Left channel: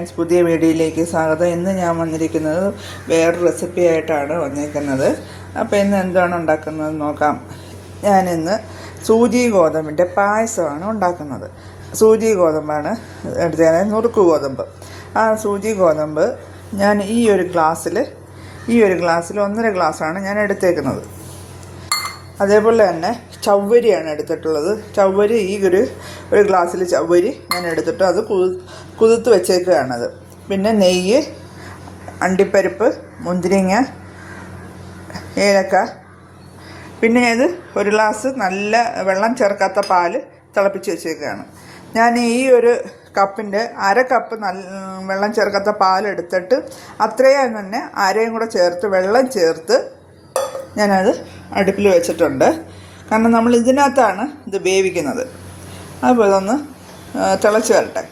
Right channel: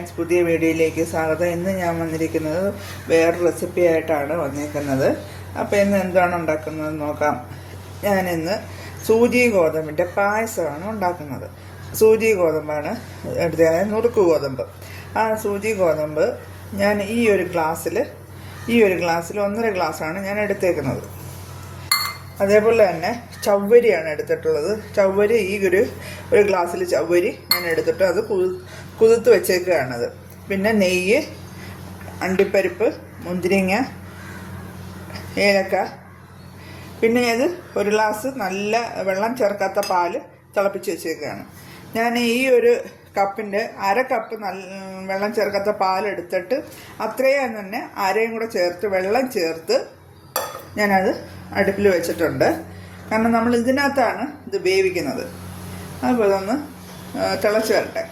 Friends പുതിയ വീഡിയോയിലേക്ക് സ്വാഗതം. ഇന്ന് ഞാൻ വന്നിരിക്കുന്നത് വേറൊരു റെസിപ്പി ആയിട്ടാണ് വന്നിരിക്കുന്നത് അപ്പോൾ ഇന്ന് എന്താണ് ഉണ്ടാക്കുന്നത് നോക്കാം. ഞാനിന്ന് സൂചി ഗോതമ്പിന്റെ പായസമാണ് ഉണ്ടാക്കുന്നത്. സൂചി ഗോതമ്പാണ് എടുത്തത് നുറുക്ക് ഗോതമ്പ്. ആ സൂചി ഗോതമ്പ് ഞാൻ ഈ ഒരു ഗ്ലാസ്സിൽ ഈ ഒരു ഗ്ലാസ്സിൽ ഒന്നര ഗ്ലാസ്സാണ് ഞാൻ എടുത്തേക്കുന്നത്. അതേപോലെ തന്നെ ചവ്വരിയാണ് എടുത്തിട്ടുള്ളത്. ചവ്വരി ഈ ഒരു ഒരു ഗ്ലാസ്സിൽ ചവ്വരി ഞാൻ എടുത്തിട്ട് അത് കുതിർത്ത് വെച്ചേക്കുകയാണത്. പിന്നെ നെയ്യ് അണ്ടിപ്പരിപ്പ് മുന്തിരിങ്ങ ഏലക്ക. പിന്നെ ഇത് ഒരു ഗ്ലാസ് നല്ല വെള്ളം ചേർക്കാത്ത പാൽ തിളപ്പിച്ച് വെച്ചേക്കുകയാണ്. ഞാൻ ഈ ഒരു കപ്പിന്റെ അര കപ്പ് നല്ല വെള്ളം ചേർക്കാത്ത പാൽ എടുത്തിട്ട് അത്രയും തന്നെ അരയും കൂടെ ചേർത്ത് വെള്ളം ചേർത്ത് ഞാനത് അടുപ്പിൽ വെച്ചിട്ടുണ്ട്. കാരണം നമ്മൾ ഇതിനകത്താണ് ഇത് വേവിക്കുന്നത്. അതുപോലെ ഒന്ന് തിളച്ച് വരട്ടെ.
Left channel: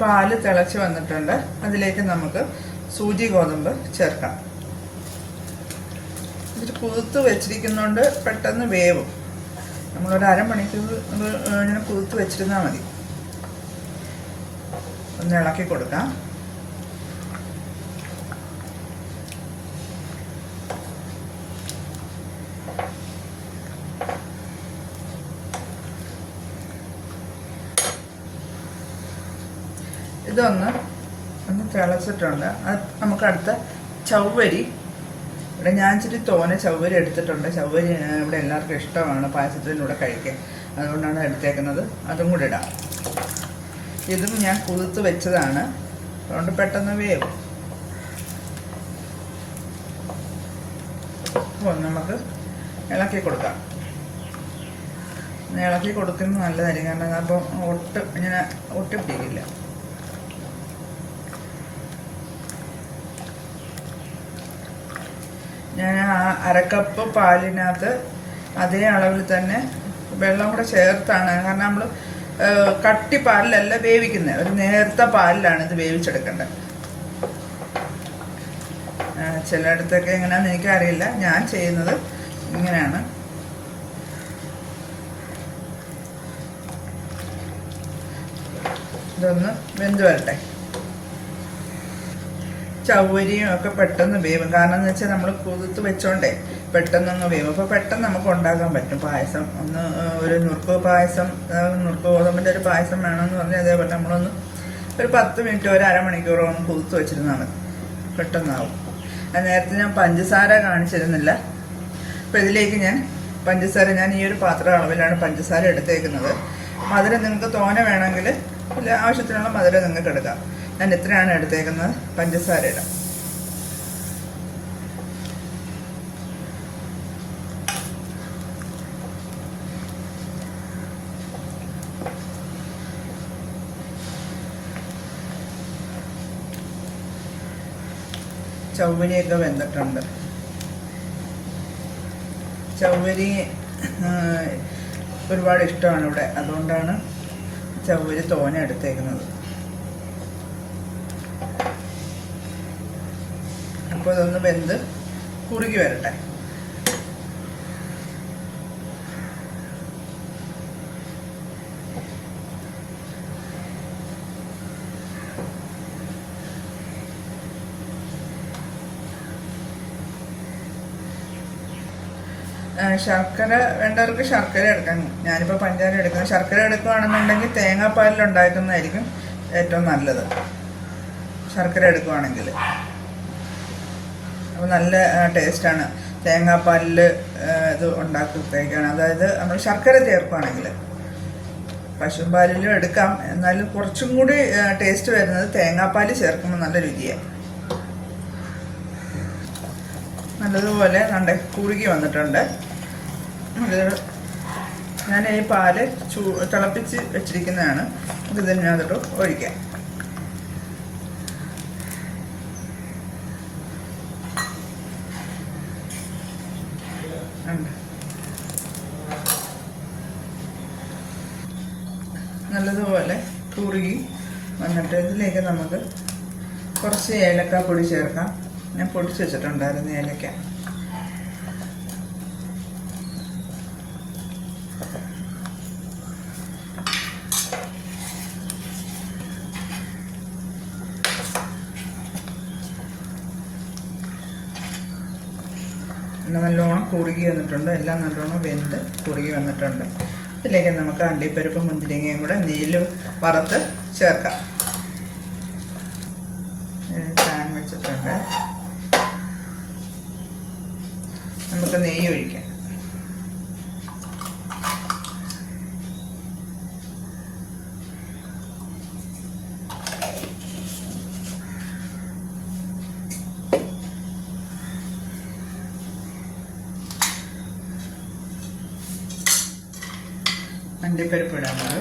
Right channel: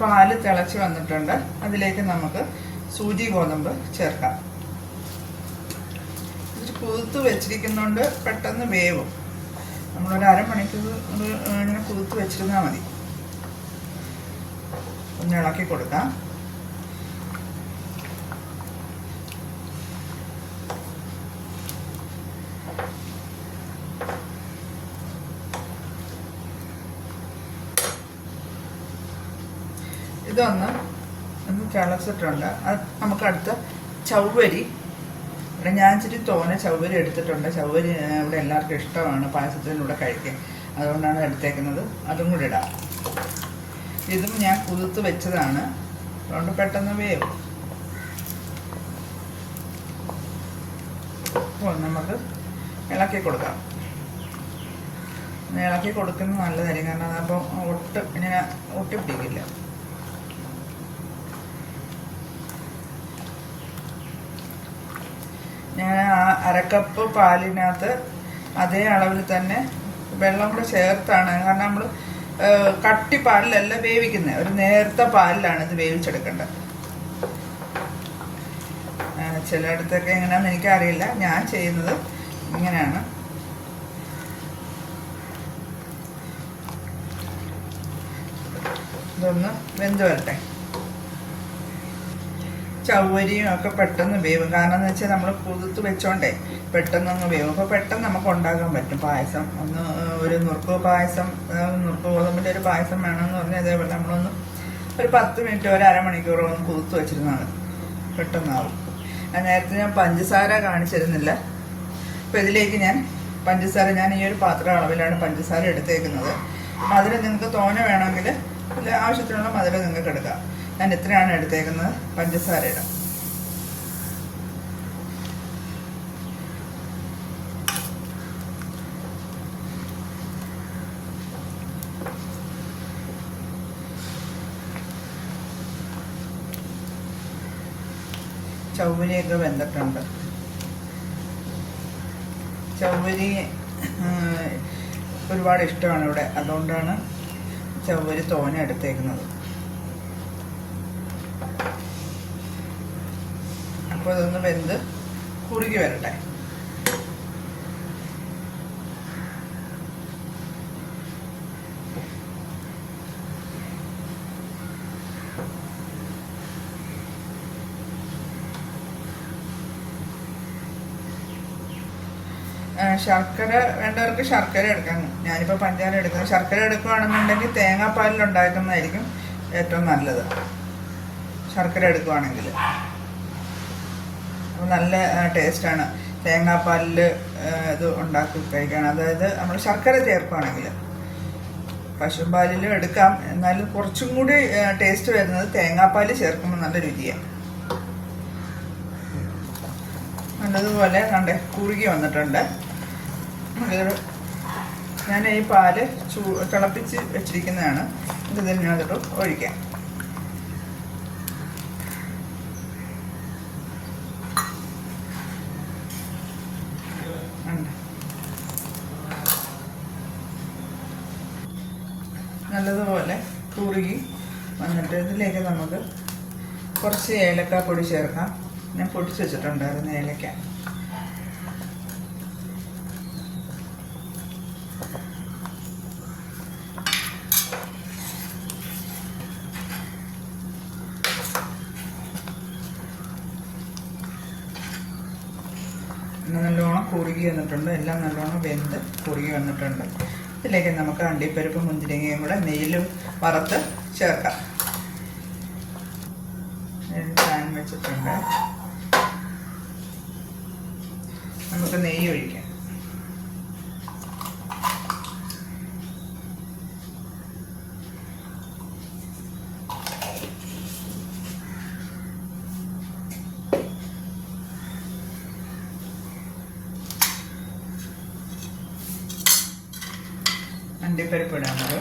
പാൽ തിളച്ച് വന്നിട്ടുണ്ട്. അതിലേക്ക് നമുക്ക് സൂചി ഗോതമ്പ് ചേർക്കാം. ഇതിൽ കുതിർത്ത് വെച്ചിരിക്കുന്നതുകൊണ്ട് പെട്ടെന്ന് വേവും. നമ്മളൊരു അരമണിക്കൂർ ഇങ്ങനെ കുതിർത്ത് വെച്ചിരുന്നാൽ മതി. ഒന്ന് ഇളക്കി കൊടുക്കാം. ഇതൊന്ന് ഒന്ന് തിളച്ചിട്ടുണ്ട്. അത് നമുക്ക് അടുത്ത ചവ്വരി. ഇവിടെ ഞാൻ ഇച്ചിരി തോനെ ചവ്വരി എടുത്തിട്ടുണ്ട്. ചവ്വരി ഇവിടെ എല്ലാവർക്കും ഇഷ്ടമാണ് പായസത്തിലൂടെ കഴിക്കാൻ. അതുകൊണ്ടാണ് എടുത്തേക്കുന്നത്. അതും കൂടി ഇടാം. ഇതും ഞാൻ കുതിർത്ത് വെച്ചതാണ്. അതുകൊണ്ട് പെട്ടെന്ന് വേവും. നമുക്ക് ഇളക്കി കൊടുക്കാം. ഇളക്കി കൊടുക്കുന്നത് നല്ലതായിരിക്കും. കാരണം അപ്പോൾ ഒട്ട് ഇങ്ങനെ ഒട്ടി പിടിക്കില്ല ഞാൻ ആ അരക്കപ്പ് പാലിനകത്ത് അതേ അളവിൽ തന്നെ വെള്ളം കൂടെ ചേർത്താണ്. കാരണം നമ്മൾ കട്ടി പാലിലല്ല വേവിക്കുന്നത് ഒരു നേർത്ത പാലിലാണ് ഇത് വേവിച്ചെടുക്കേണ്ടത്. ചിലയിടത്തൊക്കെ എങ്ങനെയാണെന്ന് എനിക്കറിയില്ല. ഞാൻ ചെയ്യുന്നത് ഇങ്ങനെയാണ്. ഇതൊന്ന് വെന്ത് വരട്ടെ. ചവ്വരിയും ഒക്കെ പെട്ടെന്ന് വേവും. കാരണം എന്ന് വെച്ചാൽ നമ്മൾ കുതിർത്ത് വെച്ചോണ്ടേ പെട്ടെന്നൊന്ന് വേവും. അപ്പോൾ പെട്ടെന്ന് നമുക്ക് ഉണ്ടാക്കാൻ പറ്റും പായസം. ഒന്ന് ഒരു നുറുക്ക് പായസം നുറുക്ക് ഗോതമ്പിന്റെ ഒരു പായസം വേണമെന്ന് പറഞ്ഞാൽ അതേപോലെ നമ്മളൊന്ന് ഒരു പത്ത് മിനിറ്റ് ഒരു അരമണിക്കൂറോ ഒന്ന് കുതിർത്ത് വെച്ചിരുന്നാൽ മതി പെട്ടെന്നാവും നേരത്തെ ഞാൻ പഞ്ചസാര കാണിച്ചിരുന്നില്ല. അപ്പോൾ ഇതിലേക്ക് ഞാൻ പഞ്ചസാര ഞാൻ ഈ ഒരു പാത്ര അളവിലാണ് പഞ്ചസാര എടുത്തേക്കുന്നത്. മധുരം നിങ്ങൾക്ക് തോനെ വേണമെങ്കിൽ ആവശ്യത്തിനുള്ള മധുരം നിങ്ങൾക്ക് എടുക്കാം. ഞാൻ ഇത്രയാണ് എടുത്തേക്കുന്നത്? പഞ്ചസാര ഇടാം ചവ്വരിയൊക്കെ വെന്തിട്ടുണ്ട്. ചവ്വരി ഒരുപാട് ഇഷ്ടമാണ് ഇവിടെ. അതുകൊണ്ടാണ് ചവ്വരി തോനെ എടുത്തേക്കുന്നത്. അപ്പോൾ ഇതൊന്ന് വെന്ത് കുറുകി വരട്ടെ. ശർക്കര വേണ്ടവർക്ക് ശർക്കര എടുക്കാം. ഞാനിപ്പോൾ പഞ്ചാര എടുക്കാം ശർക്കര എടുക്കുകയാണെന്നുണ്ടെങ്കിൽ തേങ്ങാപ്പാലിൽ ഉണ്ടാക്കുന്നതായിരിക്കും ഏറ്റവും നല്ലത്. ശർക്കര എടുക്കുകയാണെങ്കിൽ അപ്പോൾ നല്ല ടേസ്റ്റാണ്. തേങ്ങാപ്പാലിൽ ഇത് ഉണ്ടാക്കി കഴിക്കുകയാണ് അതായത് നമ്മൾ ശർക്കര ചേർക്കുകയാണെങ്കിൽ പശുമ്പാലിലും എടുക്കാം. എന്നാലും കുറച്ചും കൂടി ടേസ്റ്റ് വരുന്നത് തേങ്ങാപ്പാൽ ചേർക്കുമ്പോൾ നല്ല രുചിയാണ് നല്ലതുപോലെ കണ്ട കുറുകി വന്നിട്ടുണ്ട്. ഞാൻ ഈ പാൽ ചൂ തിളപ്പിച്ച് വെച്ചിരിക്കുന്നതാണ്. ഇത് ഇതിനകത്തോട്ട് ഒഴിക്കാം. നല്ലതുപോലെ കുറുകി വന്നിട്ട് ഇതിലേക്ക് നമുക്ക് കുറച്ച് ഏലക്ക പൊടി ചേർക്കാം. ഞാൻ പൊടിച്ച് വെച്ചിട്ടുണ്ടായിരുന്നു ഏലക്ക. നല്ലോണം കുറുകി വന്നിട്ടുണ്ട്. എല്ലാം നല്ലോണം വെന്ത് കുറുകി വന്നിട്ടുണ്ട്. ഇതിലേക്ക് നമുക്ക് അണ്ടിപ്പരിപ്പ് മുന്തിരിങ്ങയും കൂടെ നെയ്യിലും വറുത്ത് ചേർക്കാം. ഞാൻ വെച്ചിട്ടുണ്ട്. നമുക്ക് നെയ്യ് ഒഴിക്കാം. അണ്ടിപ്പരിപ്പ് ഇടാം നമ്മൾ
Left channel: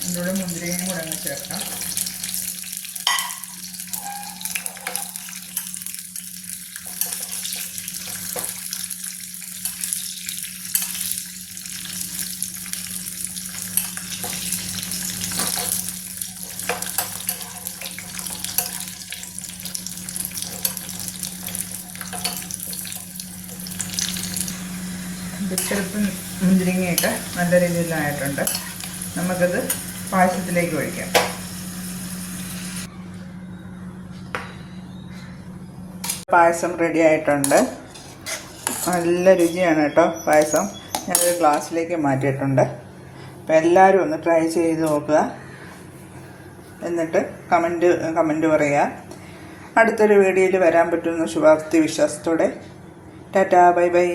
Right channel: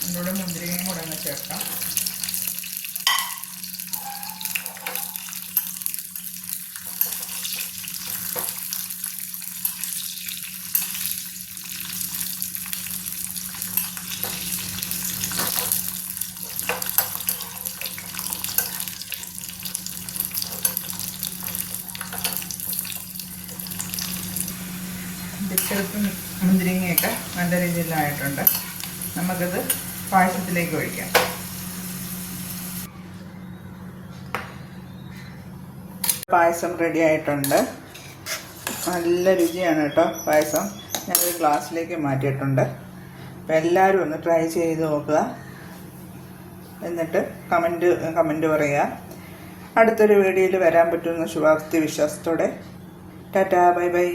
ഇതിലൂടെ മുന്തിരിയും കൂടെ ചേർക്കാം. ബിസ്ക്കറ്റും മുന്തിരിങ്ങയൊക്കെ നല്ല രീതിയിലായിട്ടുണ്ട്. നമുക്കിത് പായസത്തിലേക്ക് ഒഴിക്കാം. പായസം റെഡി ആയിട്ടുണ്ട്. നല്ല രുചിയാണ് കേട്ടോ പായസം. ഞാനൊരു ഗ്ലാസ്സിലേക്ക് മാറ്റിയിട്ടുണ്ട്. അപ്പം എല്ലാവരും ഒന്ന് ട്രൈ ചെയ്ത് നോക്കുക. എന്നിട്ട് കമന്റ് കമന്റ് പറയുക. അടുത്തൊരു വീഡിയോയിൽ വരാൻ പറ്റുന്ന ശുഭാപ്തി വിശ്വാസത്തോടെ. Tata bye bye.